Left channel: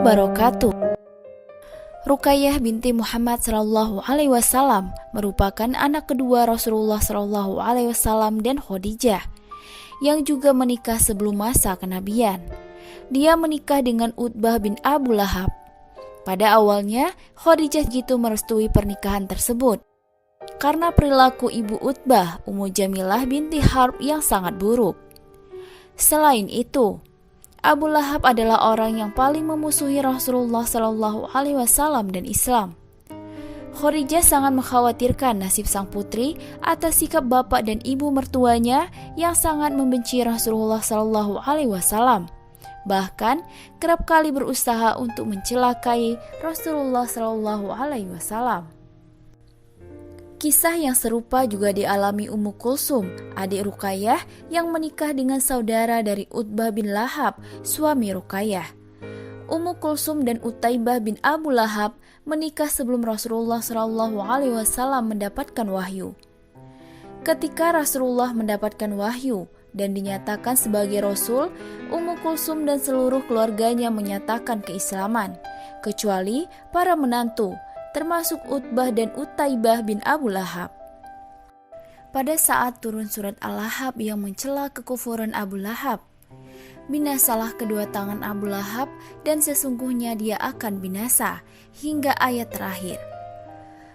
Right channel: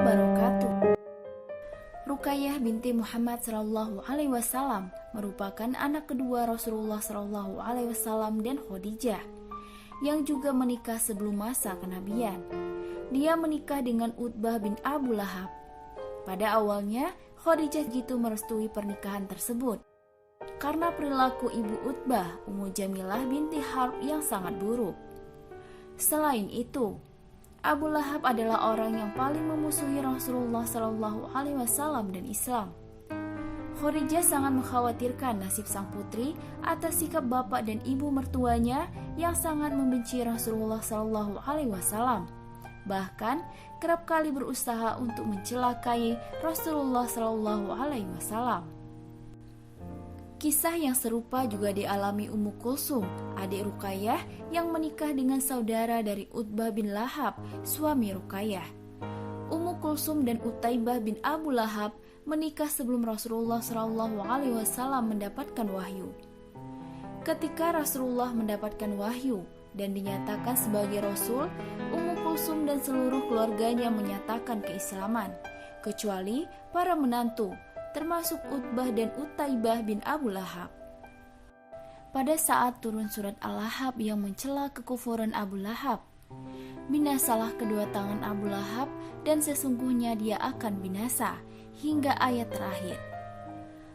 wabarakatuh. Ruqayyah binti Muhammad sallallahu alaihi wasallam merupakan anak kedua Rasulullah sallallahu alaihi wasallam dan Khadijah, yang juga menikah sebelum masa kenabian. Dia menikah dengan Utbah bin Abu Lahab. Pada awalnya, Khadijah gitu merestui pernikahan tersebut karena perilaku ibu Utbah, Ummu Jamilah binti Harb yang sangat buruk. Selain itu, Abu Lahab adalah orang yang paling memusuhi Rasulullah Shallallahu Alaihi Wasallam dan Islam. Khadijah sangat mengkhawatirkan nasib sang putri atas sikap bapak dan ibu mertuanya yang sangat membenci Rasulullah Shallallahu Alaihi Wasallam. Bahkan kerap kali berusaha untuk mencelakai Rasulullah Shallallahu Alaihi Wasallam. Kisah yang serupa juga dialami Ummu Kulsum, adik Ruqayyah yang menikah dengan saudara dari Utbah bin Lahab, suami Ruqayyah. Ummu Kulsum dan Utaibah bin Abu Lahab menikah sebelum Rasulullah SAW mendapatkan wahyu. Ketika Rasulullah mendapatkan wahyu dan dinyatakan sebagai Rasul, Ummu Kulsum dan seluruh keluarganya menyatakan keislaman, kecuali para menantu, termasuk Utbah dan Utaibah bin Abu Lahab. Pada saat turun surat Al-Lahab yang mencela kekufuran Abu Lahab, binasalah kedua tangan Abu Lahab dan sesungguhnya dia akan binasa, hingga ayat terakhir.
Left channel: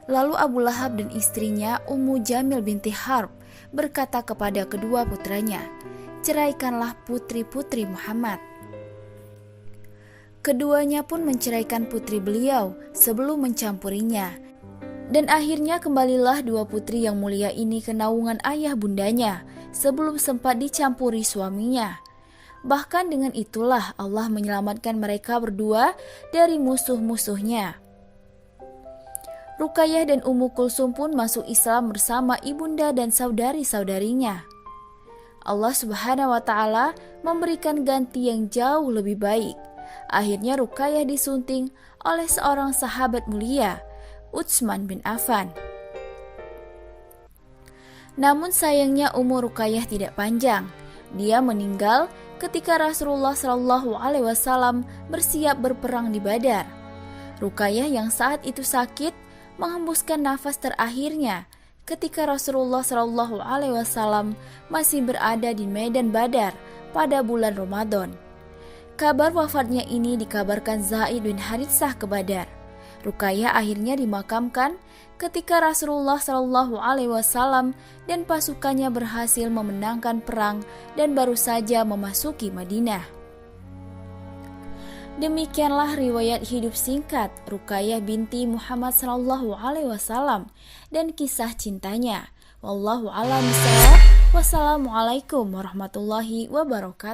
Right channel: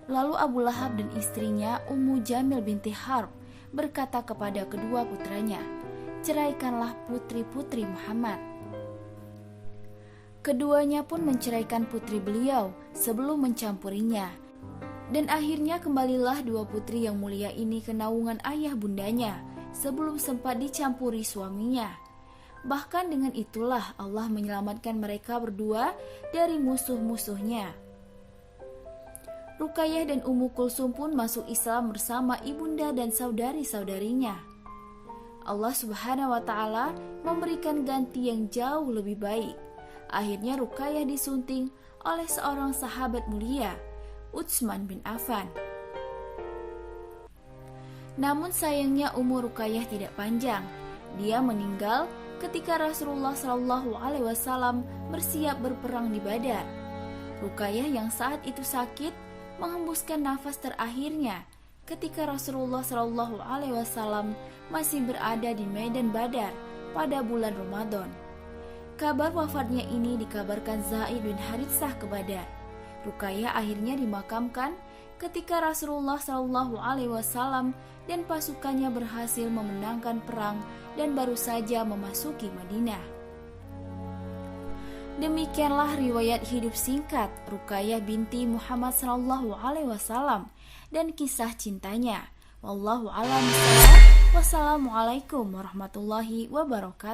Lalu Abu Lahab dan istrinya Ummu Jamil binti Harb berkata kepada kedua putranya, "Ceraikanlah putri-putri Muhammad." Keduanya pun menceraikan putri beliau sebelum mencampurinya. Dan akhirnya kembalilah dua putri yang mulia ini ke naungan ayah bundanya sebelum sempat dicampuri suaminya. Bahkan dengan itulah Allah menyelamatkan mereka berdua dari musuh-musuhnya. Ruqayyah dan Ummu Kulsum pun masuk Islam bersama ibunda dan saudari-saudarinya. Allah Subhanahu wa Ta'ala memberikan ganti yang jauh lebih baik. Akhirnya Ruqayyah disunting oleh seorang sahabat mulia, Utsman bin Affan. Namun sayangnya umur Ruqayyah tidak panjang. Dia meninggal ketika Rasulullah SAW bersiap berperang di Badar. Ruqayyah yang saat itu sakit menghembuskan nafas terakhirnya ketika Rasulullah SAW masih berada di medan Badar pada bulan Ramadan. Kabar wafatnya ini dikabarkan Zaid bin Haritsah ke Badar. Ruqayyah akhirnya dimakamkan ketika Rasulullah SAW dan pasukannya berhasil memenangkan perang dan baru saja memasuki Madinah. Demikianlah riwayat hidup singkat Ruqayyah binti Muhammad SAW dan kisah cintanya. Wallahu a'lam bishawab. Wassalamualaikum warahmatullahi wabarakatuh.